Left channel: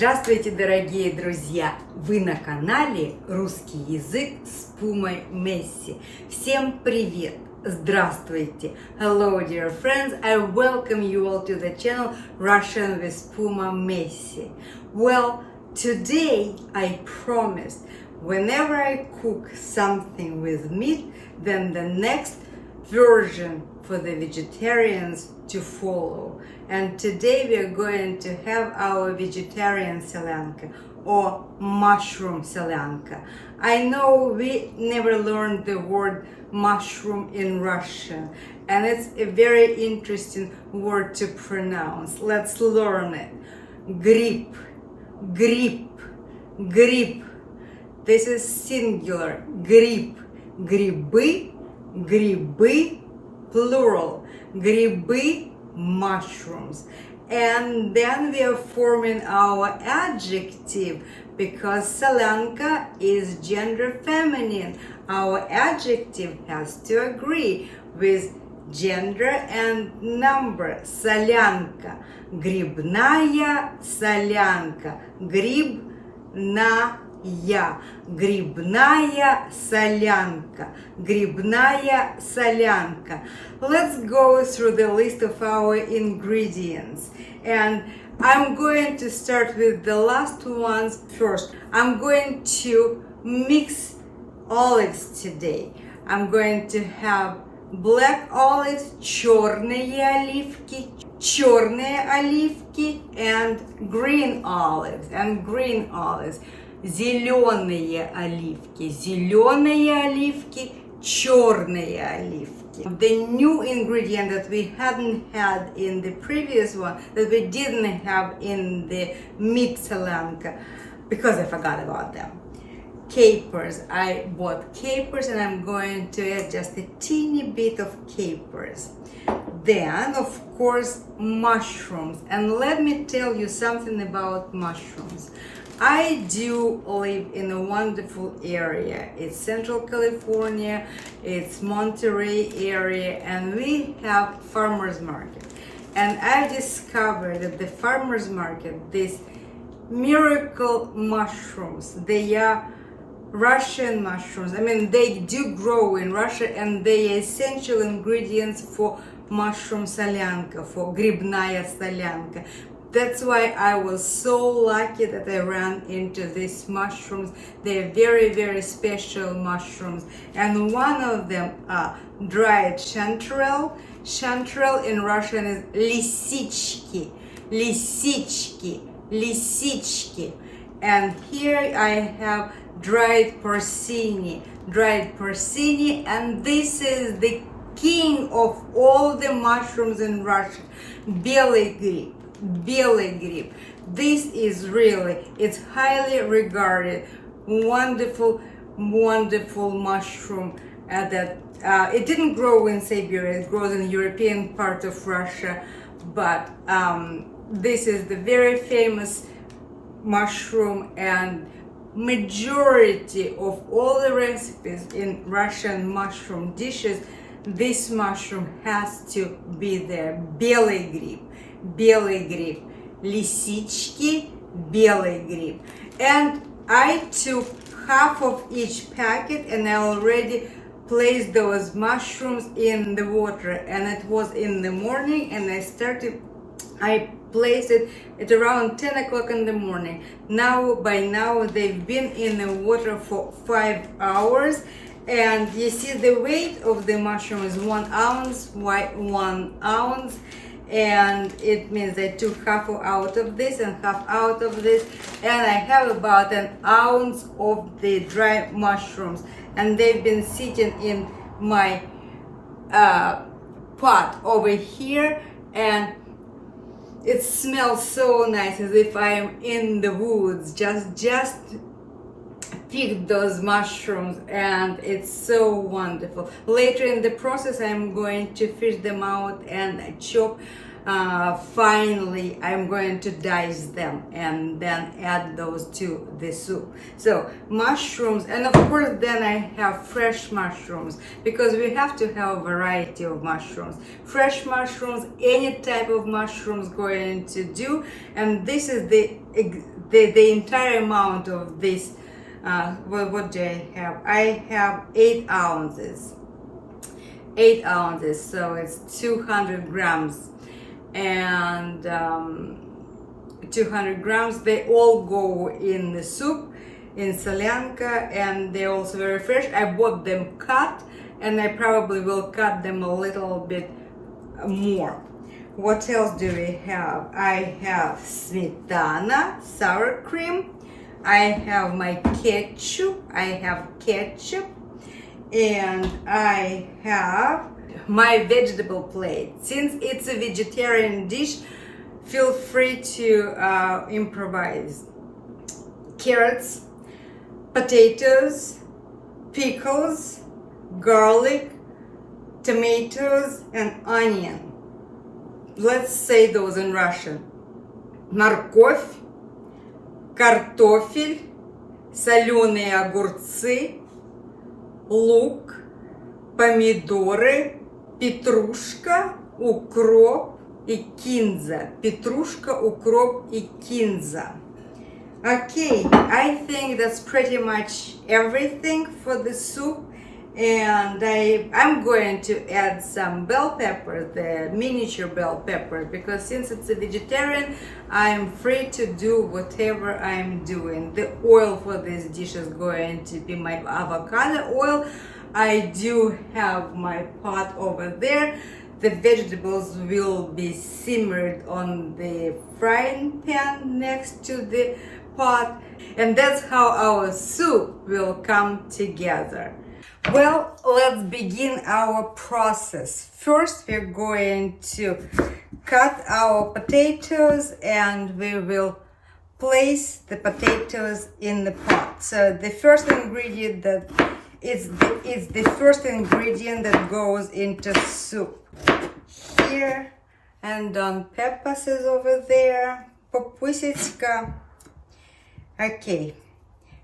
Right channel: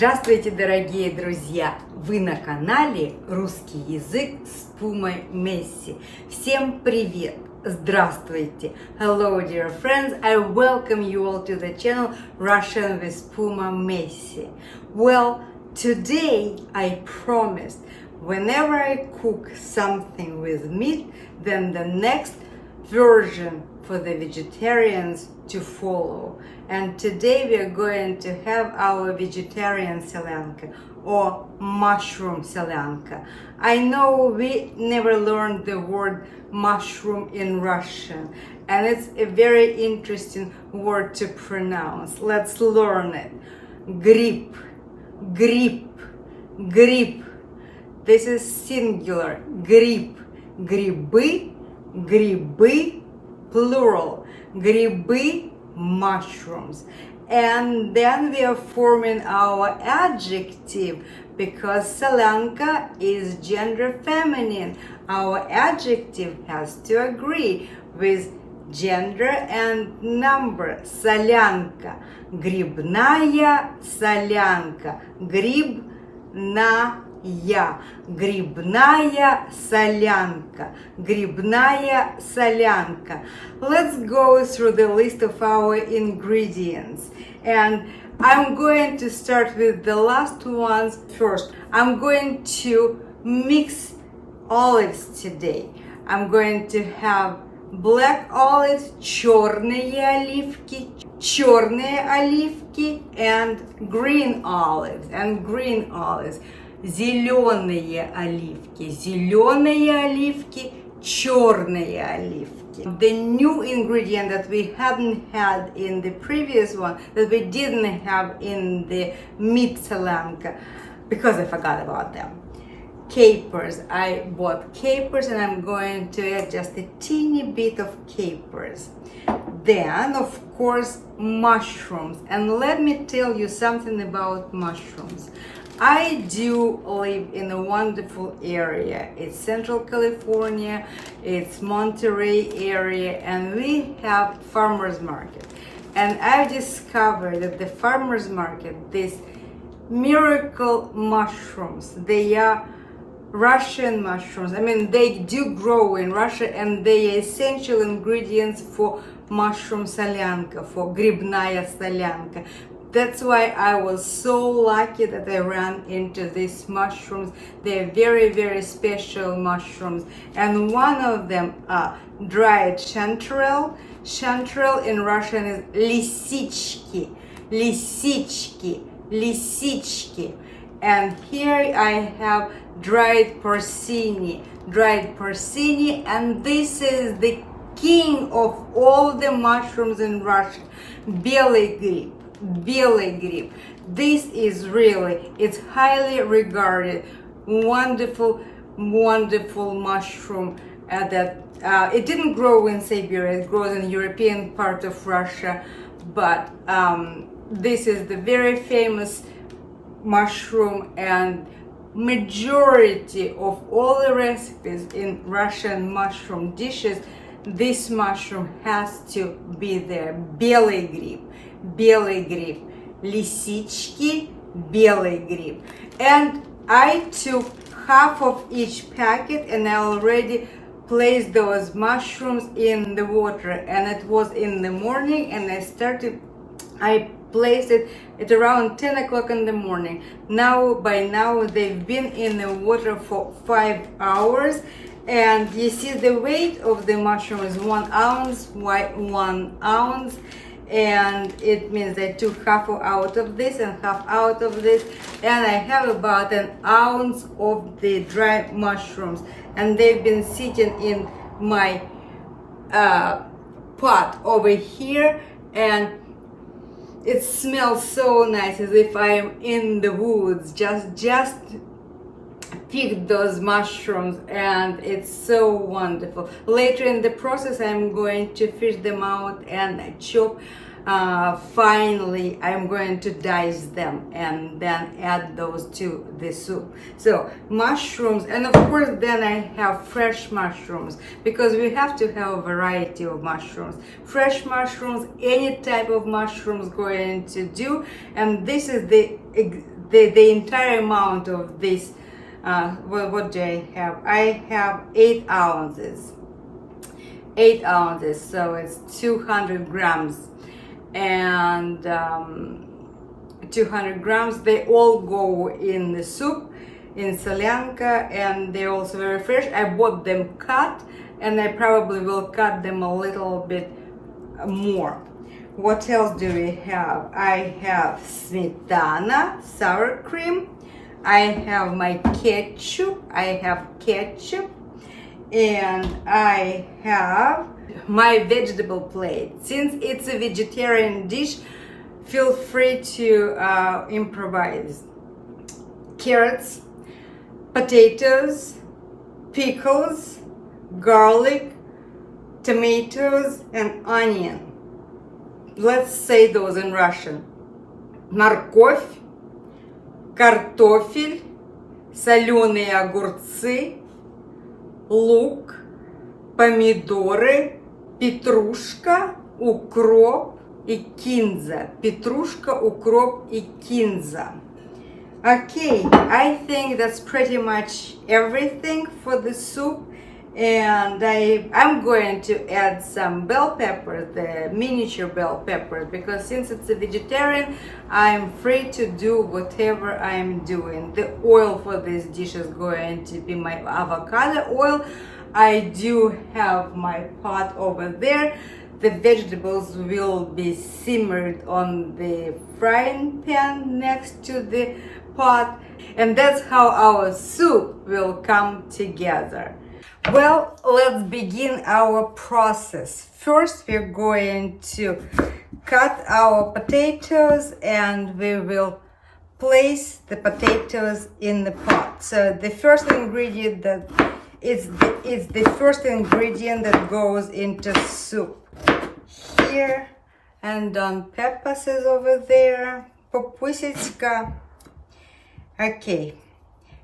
Здравствуйте, дорогие друзья! Вы на канале «Русский язык с Puma Messi». Всем привет! Здравствуйте! Hello, dear friends! I welcome you all to the channel Russian with Puma Messi. Well, today I promised whenever I cook something with meat, then the next version for the vegetarians to follow. And today we are going to have our vegetarian solyanka or mushroom solyanka. I know we never learned the word mushroom in Russian, and it's a very interesting word to pronounce. Let's learn it. Grib, grib, grib. This is singular. Grib, грибы, грибы, plural. Грибы, mushrooms. And then we are forming our adjective because solyanka is gender feminine. Our adjective has to agree with gender and number. Солянка. Грибная солянка. Грибная. Грибная солянка. Грибная солянка. Let's go through the list of our ingredients. And I'm going to start with the last ones first. I'm going to mix olives today. I'm going to have black olives, черные оливки, and green olives, зеленые оливки, черные оливки. The new ingredient that we hadn't had in the previous one, that we didn't have in the meat solyanka, because I forgot about them. Capers. I bought capers and I'm going to add just a teeny bit of capers. Then, of course, mushrooms. And let me tell you something about mushrooms. I do live in a wonderful area. It's Central California, it's Monterey area, and we have farmers market. And I discovered that the farmers market, these miracle mushrooms, they are Russian mushrooms. I mean, they do grow in Russia and they are essential ingredients for mushroom solyanka, for грибная солянка. That's why I was so lucky that I ran into these mushrooms. They're very, very special mushrooms. And one of them are dried chanterelle. Chanterelle in Russian is lisichki. And here I have dried porcini, and this is the king of all the mushrooms in Russia, белый гриб. This is really, it's highly regarded, wonderful mushroom that it didn't grow in Siberia, it grows in European part of Russia, but this is the very famous mushroom, and majority of all the recipes in Russian mushroom dishes, this mushroom has to be there. Белый гриб, лисички, белый гриб. And I took half of each packet and I already placed those mushrooms in the water, and it was in the morning, and I placed it at around 10 o'clock in the morning. By now they've been in the water for 5 hours, and you see the weight of the mushroom is 1 ounce, 1 ounce, and it means I took half out of this and half out of this, and I have about 1 ounce of the dry mushrooms, and they've been sitting in my pot over here, and it smells so nice, as if I am in the woods, just picked those mushrooms, and it's so wonderful. Later in the process, I'm going to fish them out and chop. Finally, I'm going to dice them and then add those to the soup. So mushrooms, and of course then I have fresh mushrooms, because we have to have a variety of mushrooms. Fresh mushrooms, any type of mushrooms going to do, and this is the the entire amount of this. What do I have? I have 8 ounces. 8 ounces, so it's 200 grams. And 200 grams, they all go in the soup in Solyanka, and they're also very fresh. I bought them cut, and I probably will cut them a little bit more. What else do we have? I have smetana, sour cream. I have my ketchup. And I have my vegetable plate. Since it's a vegetarian dish, feel free to improvise. Carrots, potatoes, pickles, garlic, tomatoes, and onion. Let's say those in Russian. Морковь, картофель, соленые огурцы, лук, помидоры, петрушка, укроп и кинза. Петрушка, укроп и кинза. Okay, I think that's pretty much everything for the soup. And I'm going to add some bell peppers, the miniature bell peppers, because since it's a vegetarian, I'm free to do whatever I'm doing. The oil for this dish is going to be my avocado oil. I do have my pot over there. The vegetables will be simmered on the frying pan next to the pot, and that's how our soup will come together. Well, let's begin our process. First, we're going to cut our potatoes, and we will place the potatoes in the pot. So the first ingredient that is the first ingredient that goes into soup. Here, and Don Pepas is over there. Popusечка. Okay.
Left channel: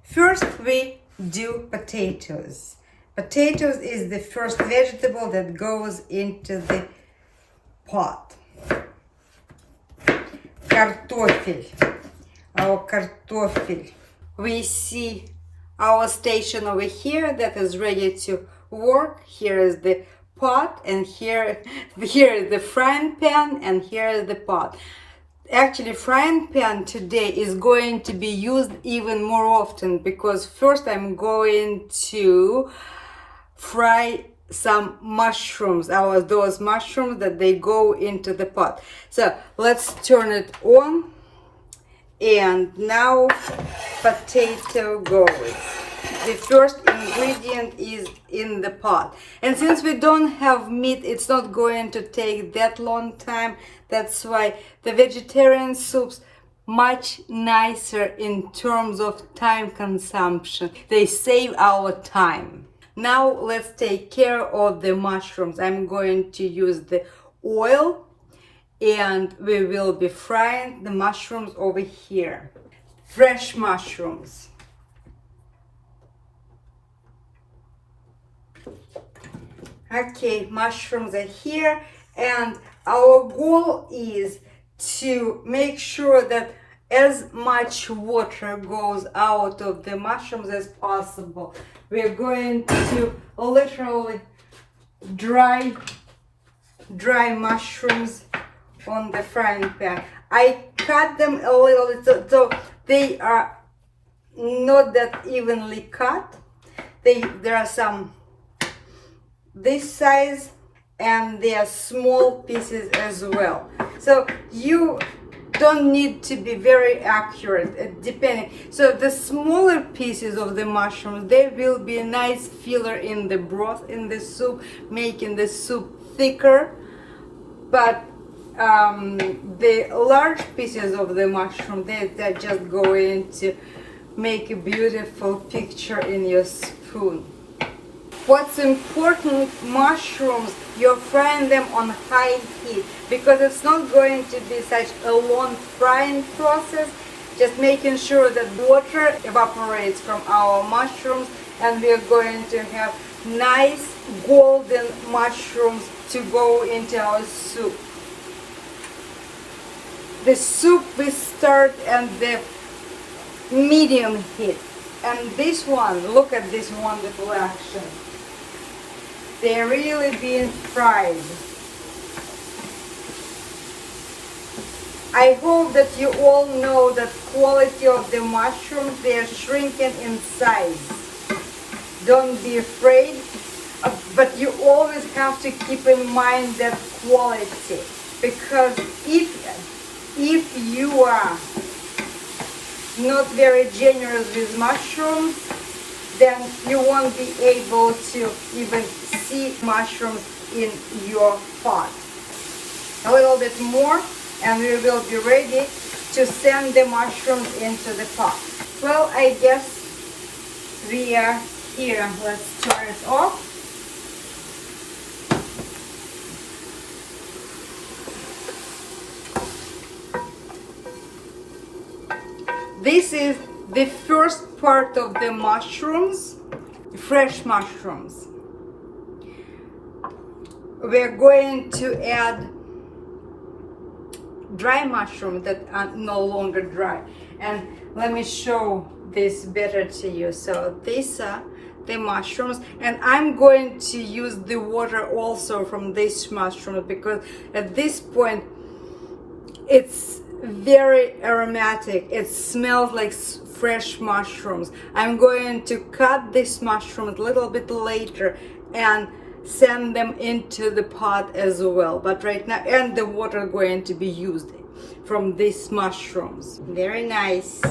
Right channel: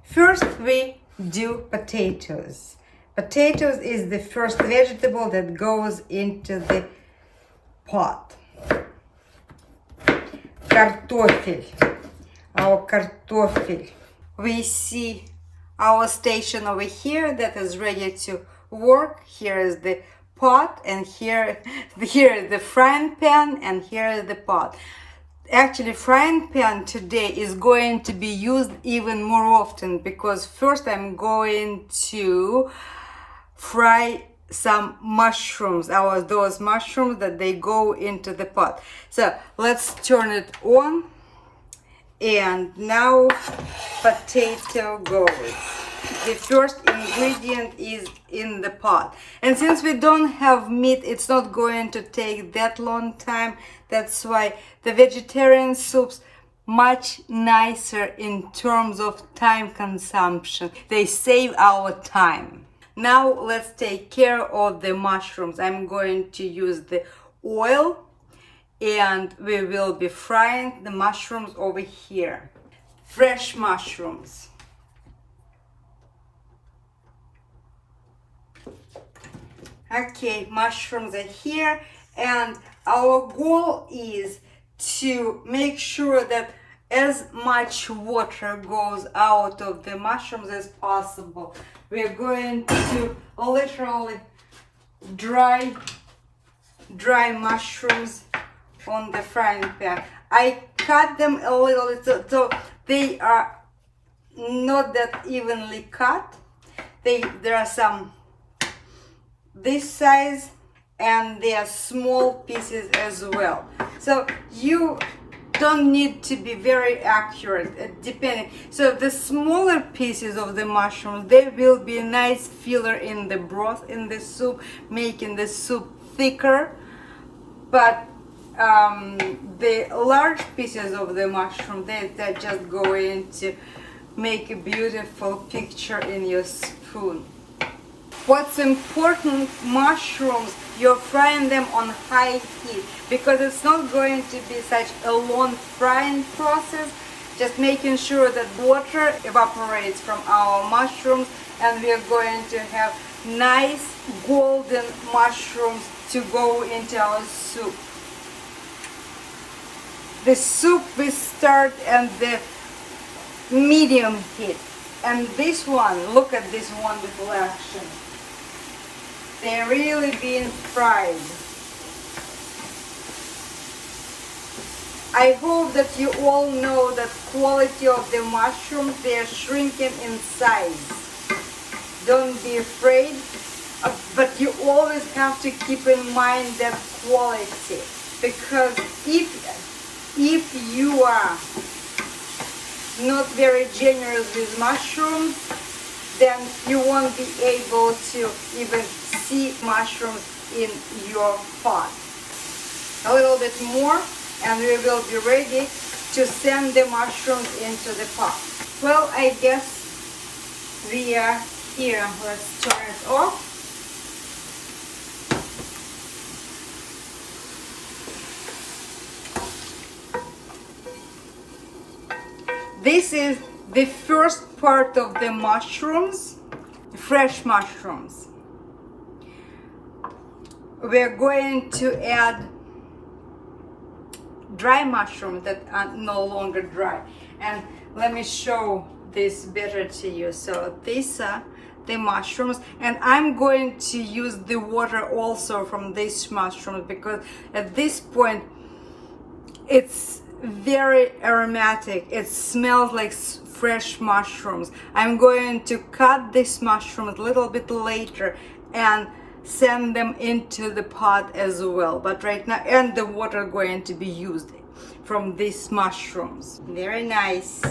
First, we do potatoes. Potatoes is the first vegetable that goes into the pot. Картофель. Our картофель. We see our station over here that is ready to work. Here is the pot, and here is the frying pan, and here is the pot. Actually, frying pan today is going to be used even more often, because first I'm going to fry some mushrooms, those mushrooms that they go into the pot. So let's turn it on, and now potato goes. The first ingredient is in the pot, and since we don't have meat, it's not going to take that long time. That's why the vegetarian soups much nicer in terms of time consumption. They save our time. Now let's take care of the mushrooms. I'm going to use the oil, and we will be frying the mushrooms over here. Fresh mushrooms. Okay, mushrooms are here, and our goal is to make sure that as much water goes out of the mushrooms as possible. We're going to literally dry mushrooms on the frying pan. I cut them a little, so they are not that evenly cut. There are some this size, and they are small pieces as well. So you don't need to be very accurate, depending. So the smaller pieces of the mushrooms, they will be a nice filler in the broth, in the soup, making the soup thicker. But the large pieces of the mushroom, they're just going to make a beautiful picture in your spoon. What's important, mushrooms, you're frying them on high heat, because it's not going to be such a long frying process. Just making sure that water evaporates from our mushrooms, and we're going to have nice golden mushrooms to go into our soup. The soup we start, and the medium heat. And this one, look at this wonderful action. They're really being fried. I hope that you all know that quality of the mushrooms, they are shrinking in size. Don't be afraid, but you always have to keep in mind that quality, because if you are not very generous with mushrooms, then you won't be able to even see mushrooms in your pot. A little bit more and we will be ready to send the mushrooms into the pot. Well, I guess we are here. Let's turn it off. This is the first part of the mushrooms, fresh mushrooms. We're going to add dry mushrooms that are no longer dry. And let me show this better to you. So these are the mushrooms, and I'm going to use the water also from these mushrooms, because at this point it's very aromatic. It smells like fresh mushrooms. I'm going to cut these mushrooms a little bit later and send them into the pot as well. But right now, and the water going to be used from these mushrooms. Very nice.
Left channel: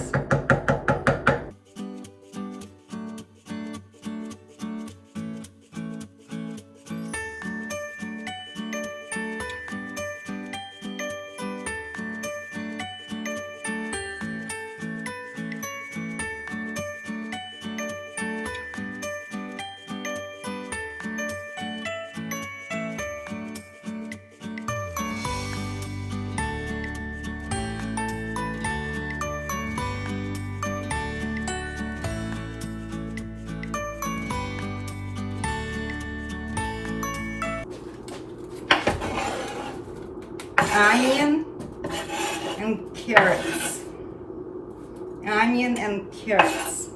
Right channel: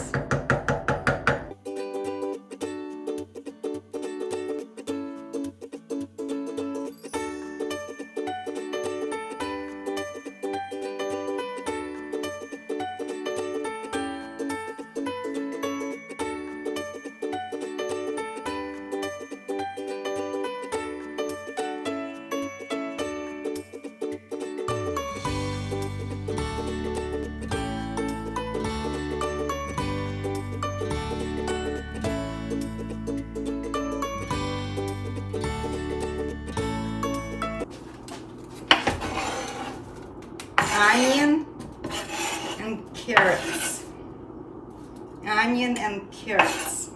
Onion and carrots. Onion and carrots.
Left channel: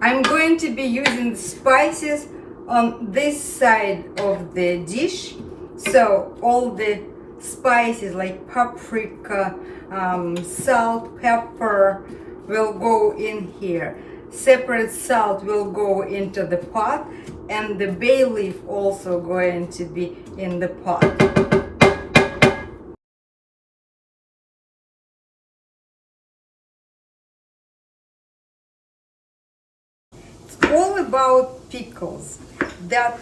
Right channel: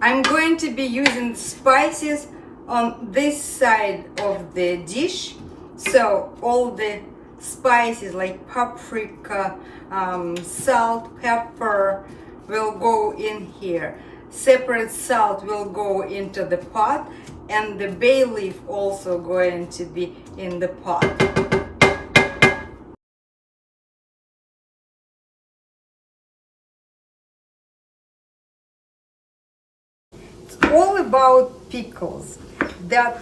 I'm going to be using spices on this side of the dish. So all the spices like paprika, salt, pepper will go in here. Separate salt will go into the pot, and the bay leaf also going to be in the pot. All about pickles, that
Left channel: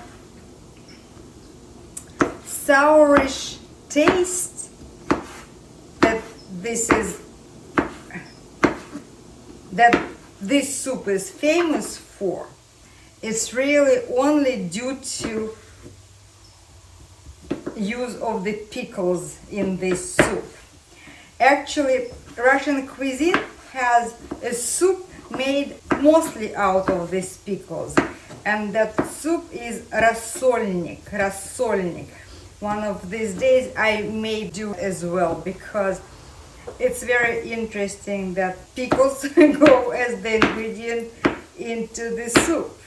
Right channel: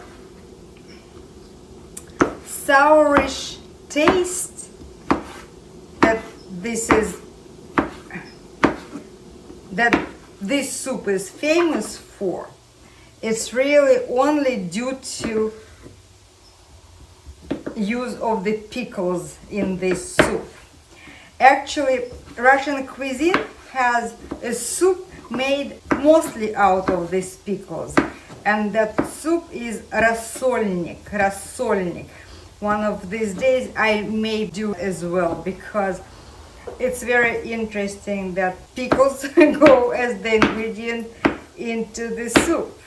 sourish taste that this soup is famous for. It's really only due to use of the pickles in this soup. Actually, Russian cuisine has a soup made mostly out of these pickles, and that soup is rasolnik. One of these days I may do as well, because it's very interesting that pickles go as the ingredient into the soup.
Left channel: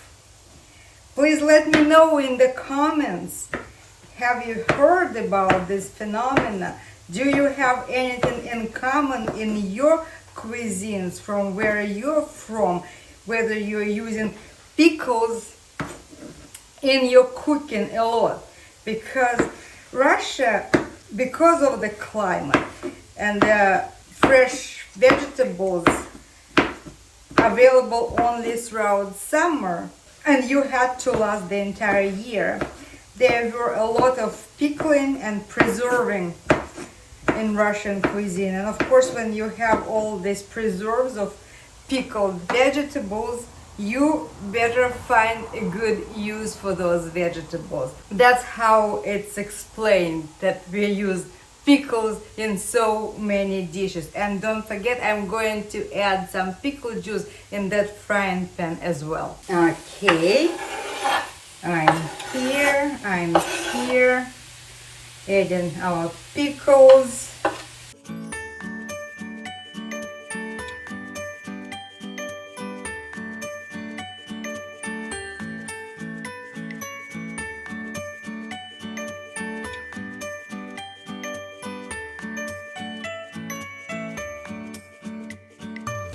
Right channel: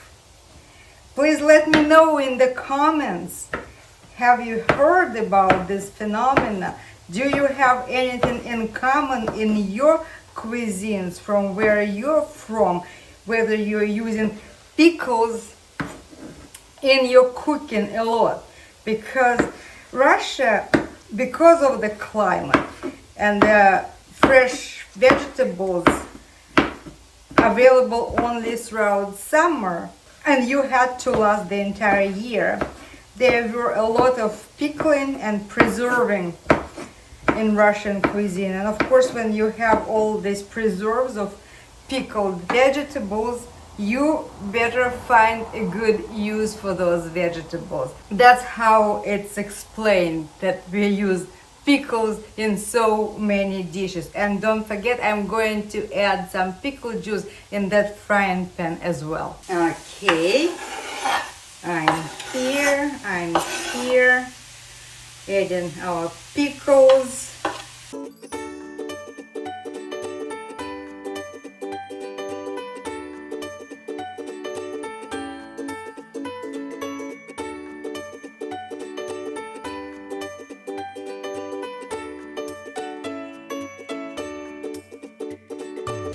Please let me know in the comments, have you heard about this phenomena? Do you have anything in common in your cuisines from where you're from, whether you're using pickles in your cooking a lot? Because Russia, because of the climate and the fresh vegetables available only throughout summer, and you had to last the entire year, there were a lot of pickling and preserving in Russian cuisine. And of course, when you have all these preserves of pickled vegetables, you better find a good use for those vegetables. That's how it's explained that we use pickles in so many dishes. And don't forget, I'm going to add some pickle juice in that frying pan as well. Okay, I'm here adding our pickles.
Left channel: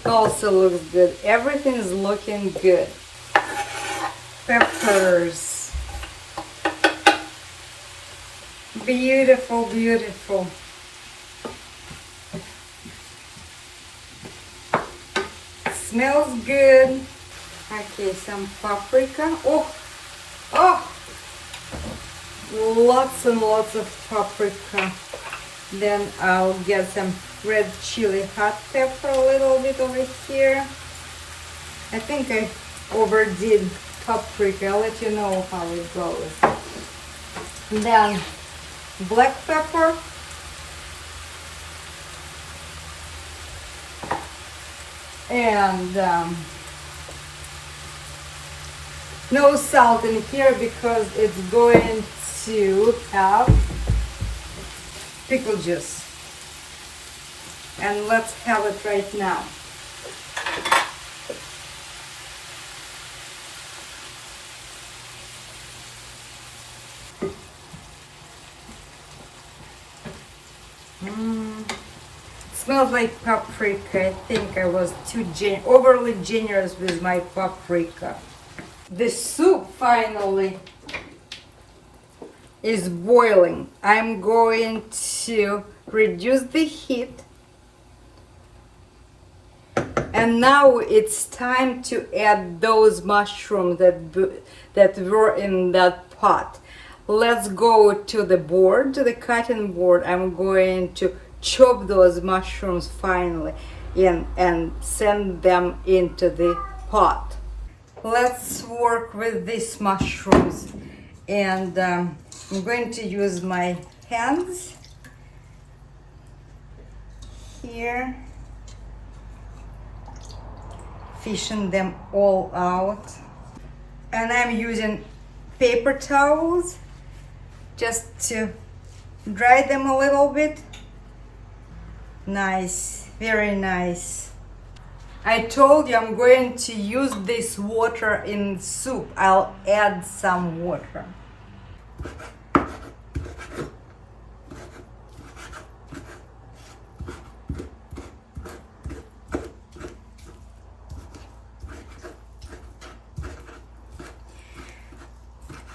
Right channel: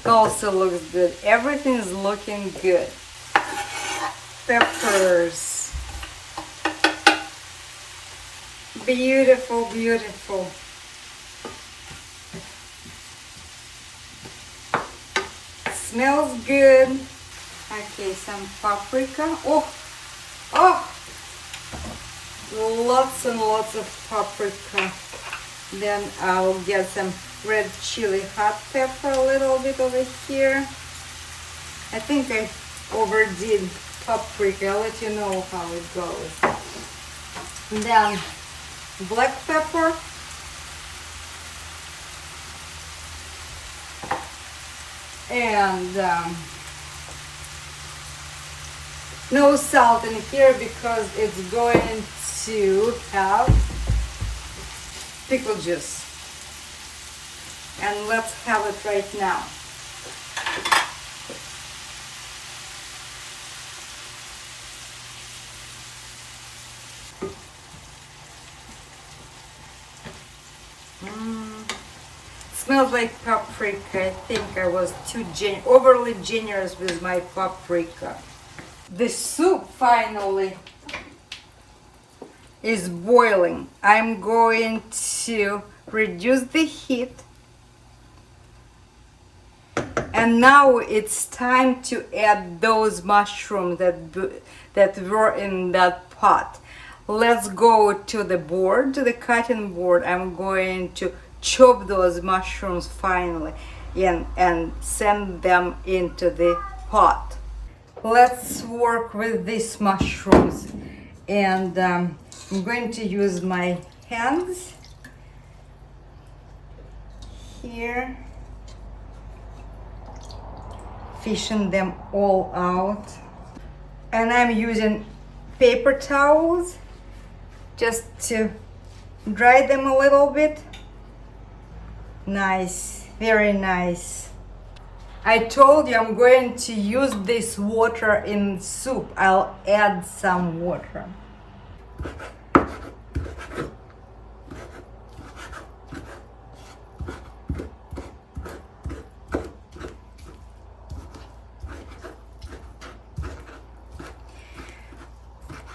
Also looks good. Everything is looking good. Peppers. Beautiful, beautiful. Smells good. Okay, some paprika. Oh, lots and lots of paprika. Then I'll get some red chili hot pepper a little bit over here. I think I overdid paprika. I'll let you know how it goes. And then black pepper. And no salt in here because it's going to have pickle juice. And let's have it right now. Smells like paprika. I think I was too overly generous with my paprika. The soup finally is boiling. I'm going to reduce the heat. And now it's time to add those mushrooms that were in that pot. Let's go to the board, to the cutting board. I'm going to chop those mushrooms finally and send them into the pot. Let's work with these mushrooms, and I'm going to use my hands here, fishing them all out. And I'm using paper towels just to dry them a little bit. Nice, very nice. I told you I'm going to use this water in soup. I'll add some water.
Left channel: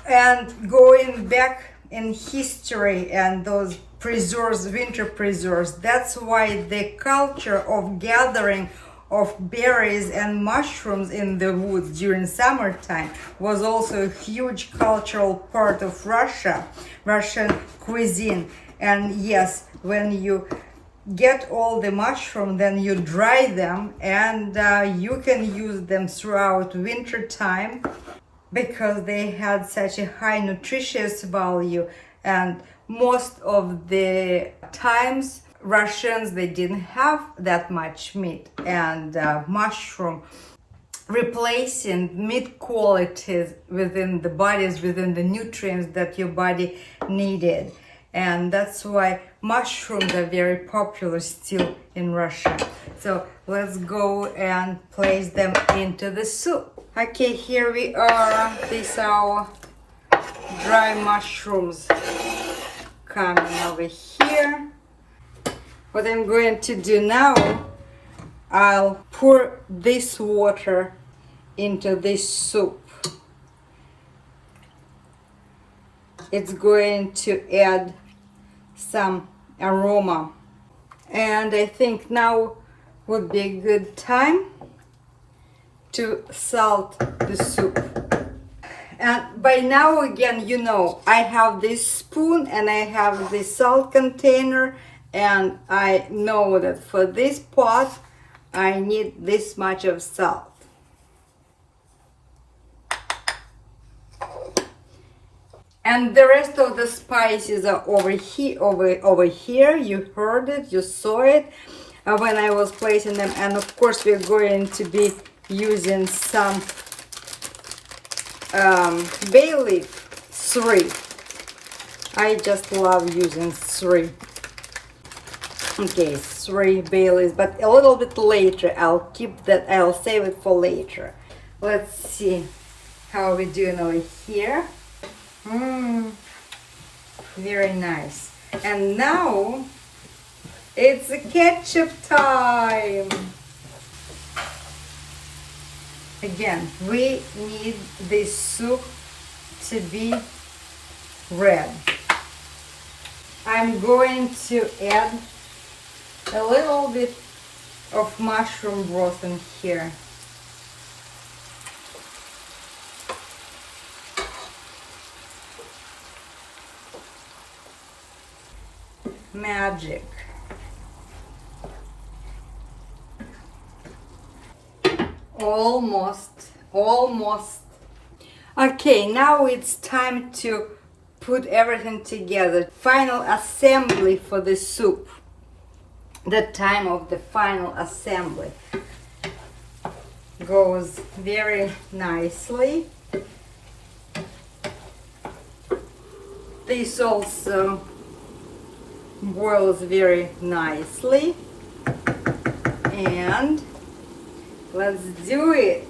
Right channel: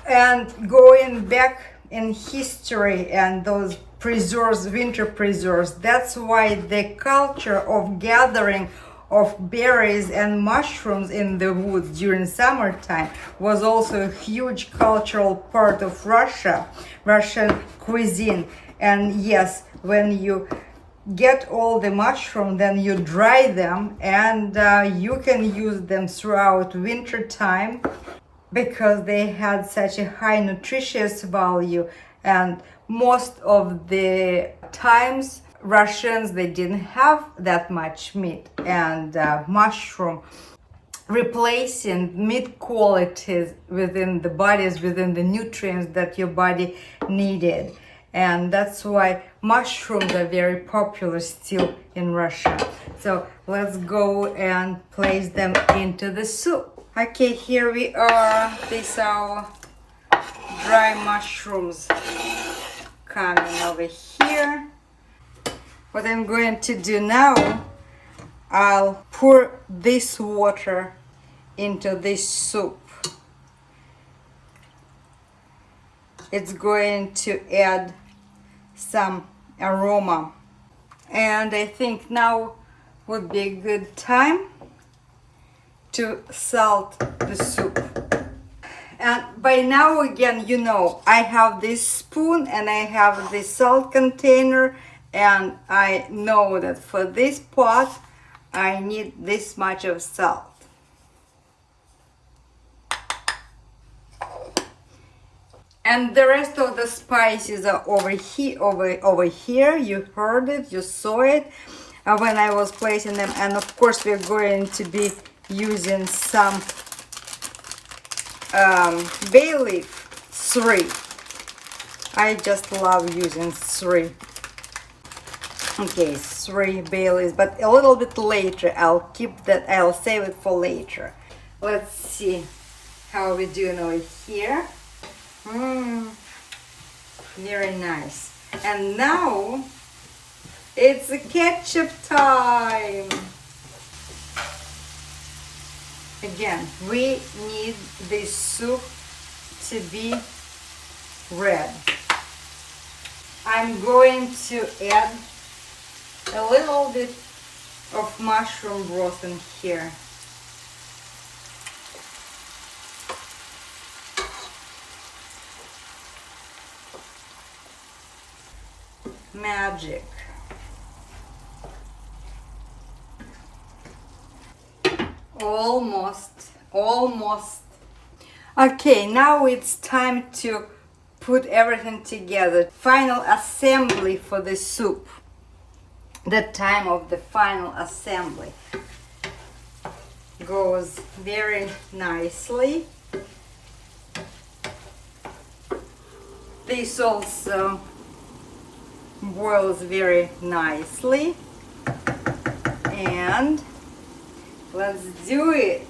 And going back in history and those preserves, winter preserves, that's why the culture of gathering of berries and mushrooms in the woods during summertime was also a huge cultural part of Russian cuisine. And yes, when you get all the mushroom, then you dry them, and you can use them throughout winter time because they had such a high nutritious value. And most of the times Russians, they didn't have that much meat, and mushroom replacing meat qualities within the bodies, within the nutrients that your body needed. And that's why mushrooms are very popular still in Russia. So let's go and place them into the soup. Okay, here we are. These are dry mushrooms coming over here. What I'm going to do now, I'll pour this water into this soup. It's going to add some aroma. And I think now would be a good time to salt the soup. And by now, again, you know, I have this spoon and I have this salt container, and I know that for this pot I need this much of salt. And the rest of the spices are over here. You heard it, you saw it when I was placing them. And of course we're going to be using some bay leaf, 3. I just love using 3. Okay, 3 bay leaves, but a little bit later. I'll keep that, I'll save it for later. Let's see how we're doing over here. Very nice. And now it's a ketchup time. Again, we need this soup to be red. I'm going to add a little bit of mushroom broth in here. Magic. Almost. Okay, now it's time to put everything together. Final assembly for the soup. The time of the final assembly goes very nicely. This also boils very nicely, and let's do it.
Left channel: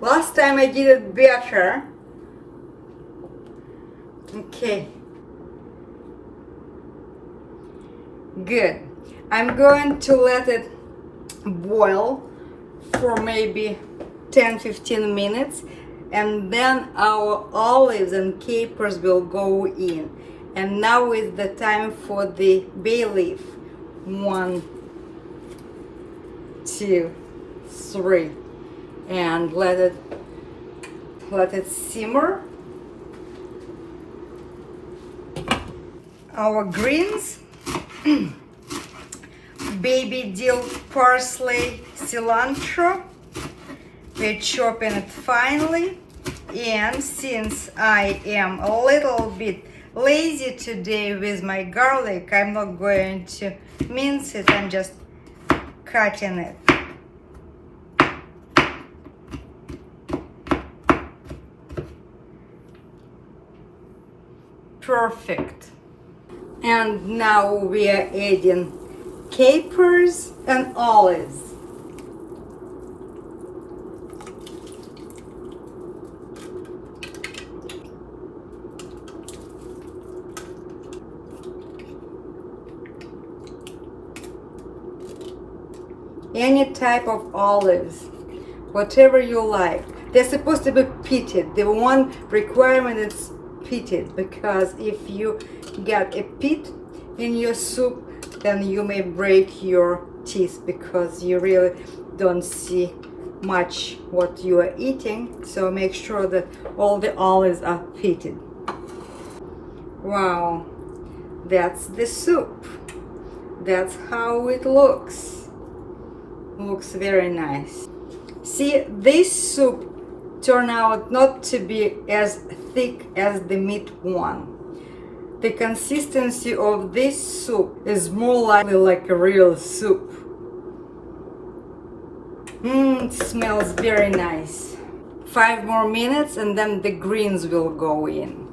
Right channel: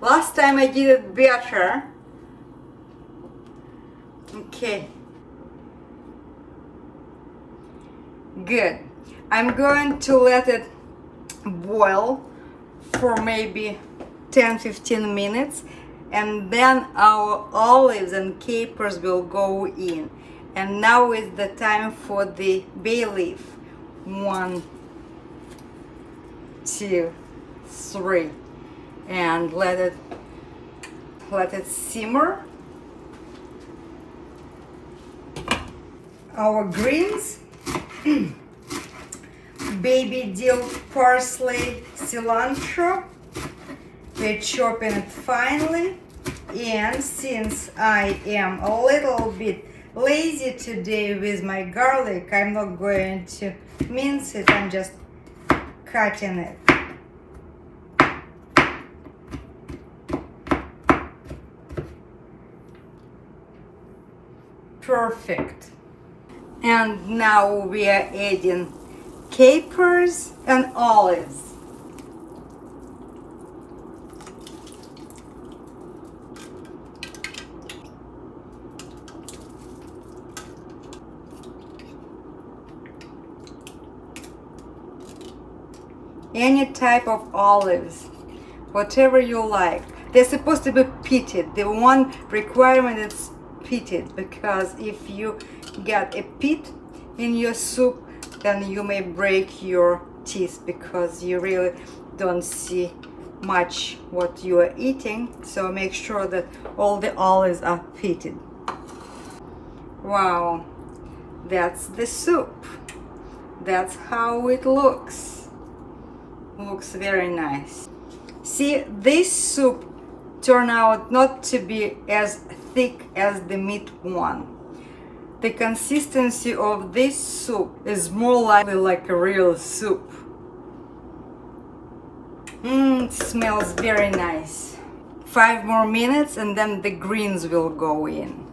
Last time I did it better. Okay. Good. I'm going to let it boil for maybe 10-15 minutes, and then our olives and capers will go in. And now is the time for the bay leaf. 1, 2, 3, and let it simmer. Our greens, baby dill, parsley, cilantro. We're chopping it finely, and since I am a little bit lazy today with my garlic, I'm not going to mince it, I'm just cutting it. Perfect. And now we are adding capers and olives. Any type of olives, whatever you like. They're supposed to be pitted. The one requirement is pitted, because if you get a pit in your soup, then you may break your teeth, because you really don't see much what you are eating. So make sure that all the olives are pitted. Wow, that's the soup. That's how it looks. Looks very nice. See, this soup turned out not to be as thick as the meat one. The consistency of this soup is more likely like a real soup. It smells very nice. 5 more minutes and then the greens will go in.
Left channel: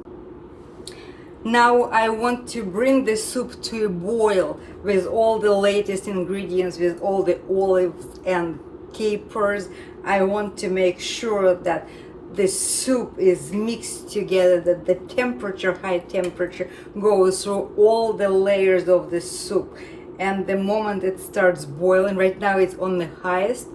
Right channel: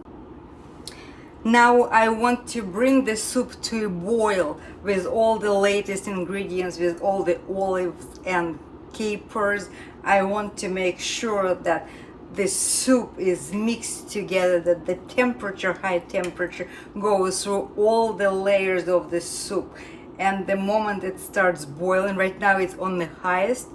Now I want to bring the soup to a boil with all the latest ingredients, with all the olives and capers. I want to make sure that the soup is mixed together, that the temperature, high temperature, goes through all the layers of the soup. And the moment it starts boiling, right now it's on the highest,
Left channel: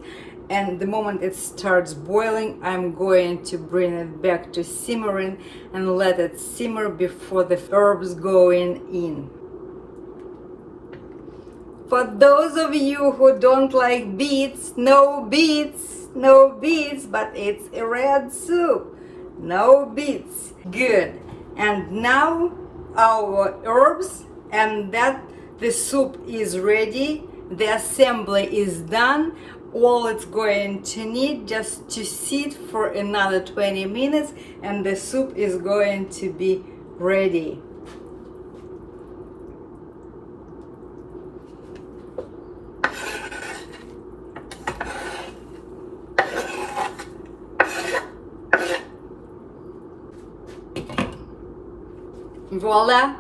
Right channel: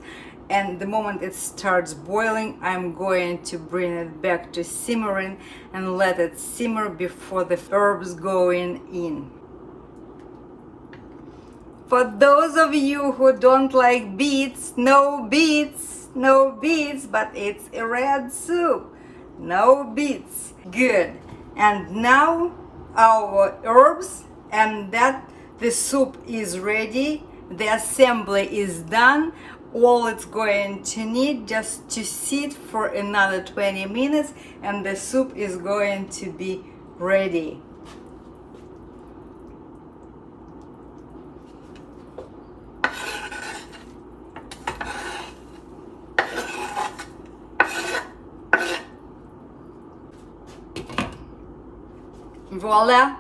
and the moment it starts boiling, I'm going to bring it back to simmering and let it simmer before the herbs go in. For those of you who don't like beets, no beets, but it's a red soup. No beets. Good. And now our herbs, and that the soup is ready. The assembly is done. All it's going to need just to sit for another 20 minutes, and the soup is going to be ready. Voila!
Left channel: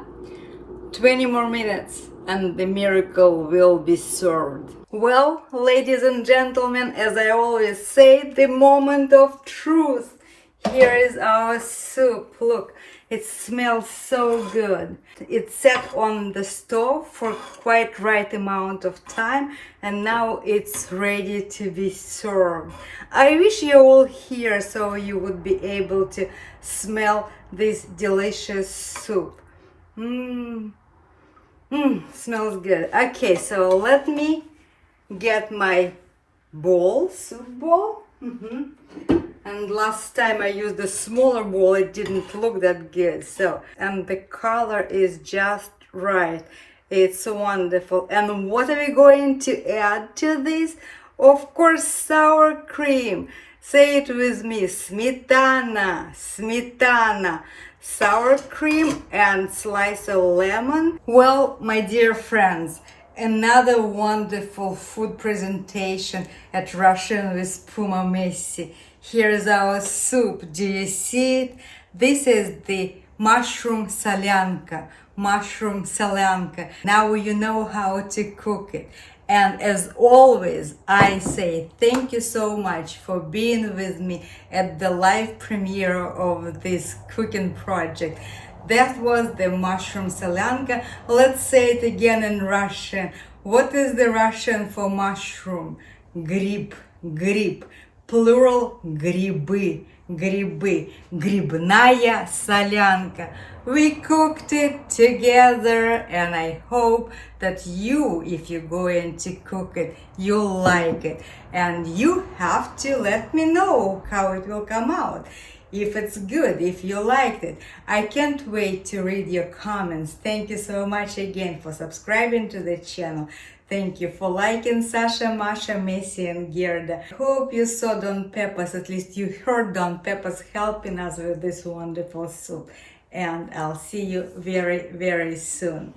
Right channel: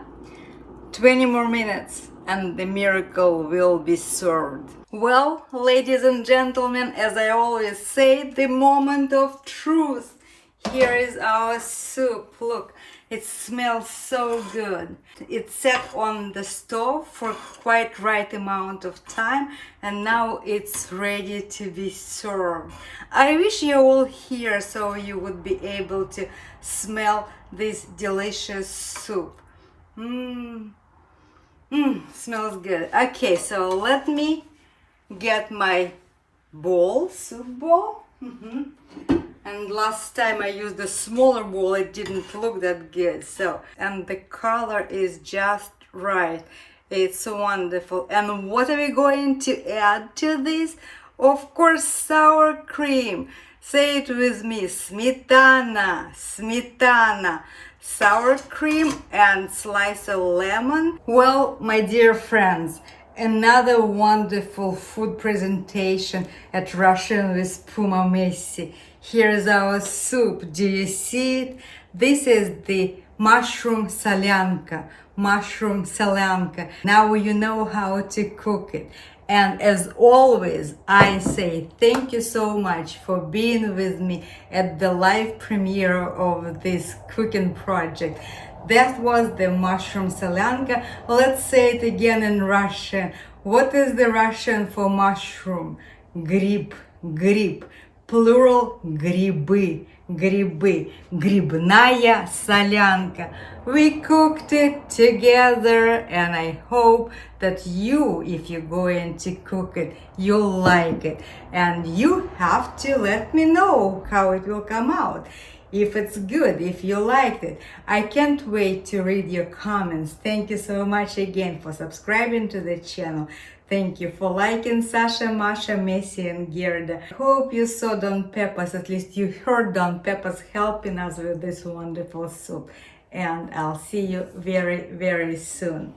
20 more minutes and the miracle will be served. Well, ladies and gentlemen, as I always say, the moment of truth. Here is our soup. Look, it smells so good. It sat on the stove for quite right amount of time and now it's ready to be served. I wish you all here so you would be able to smell this delicious soup. Smells good. Okay, so let me get my bowl, soup bowl. And last time I used a smaller bowl, it didn't look that good. So, and the color is just right. It's wonderful. And what are we going to add to this? Of course, sour cream. Say it with me, smetana, smetana. Sour cream and slice of lemon. Well, my dear friends, another wonderful food presentation at Russian with Puma Messi. Here's our soup. Do you see it? This is the mushroom solyanka. Mushroom solyanka. Now you know how to cook it. And as always, I say thank you so much for being with me at the live premiere of this cooking project. That was the mushroom solyanka. Let's say it again in Russian. What is the Russian for mushroom? Гриб, гриб. Plural грибы, грибы. Грибная солянка. We cooked it together and I hope that you, if you're going to cook it, you'll like it. And you have to let me know how it will come out. If it's good, if you liked it. I can't wait to read your comments. Thank you so much again for subscribing to the channel. Thank you for liking Sasha, Masha, Messi and Gerda. Hope you saw Don Peppers, at least you heard Don Peppers helping us with this wonderful soup. And I'll see you very, very soon.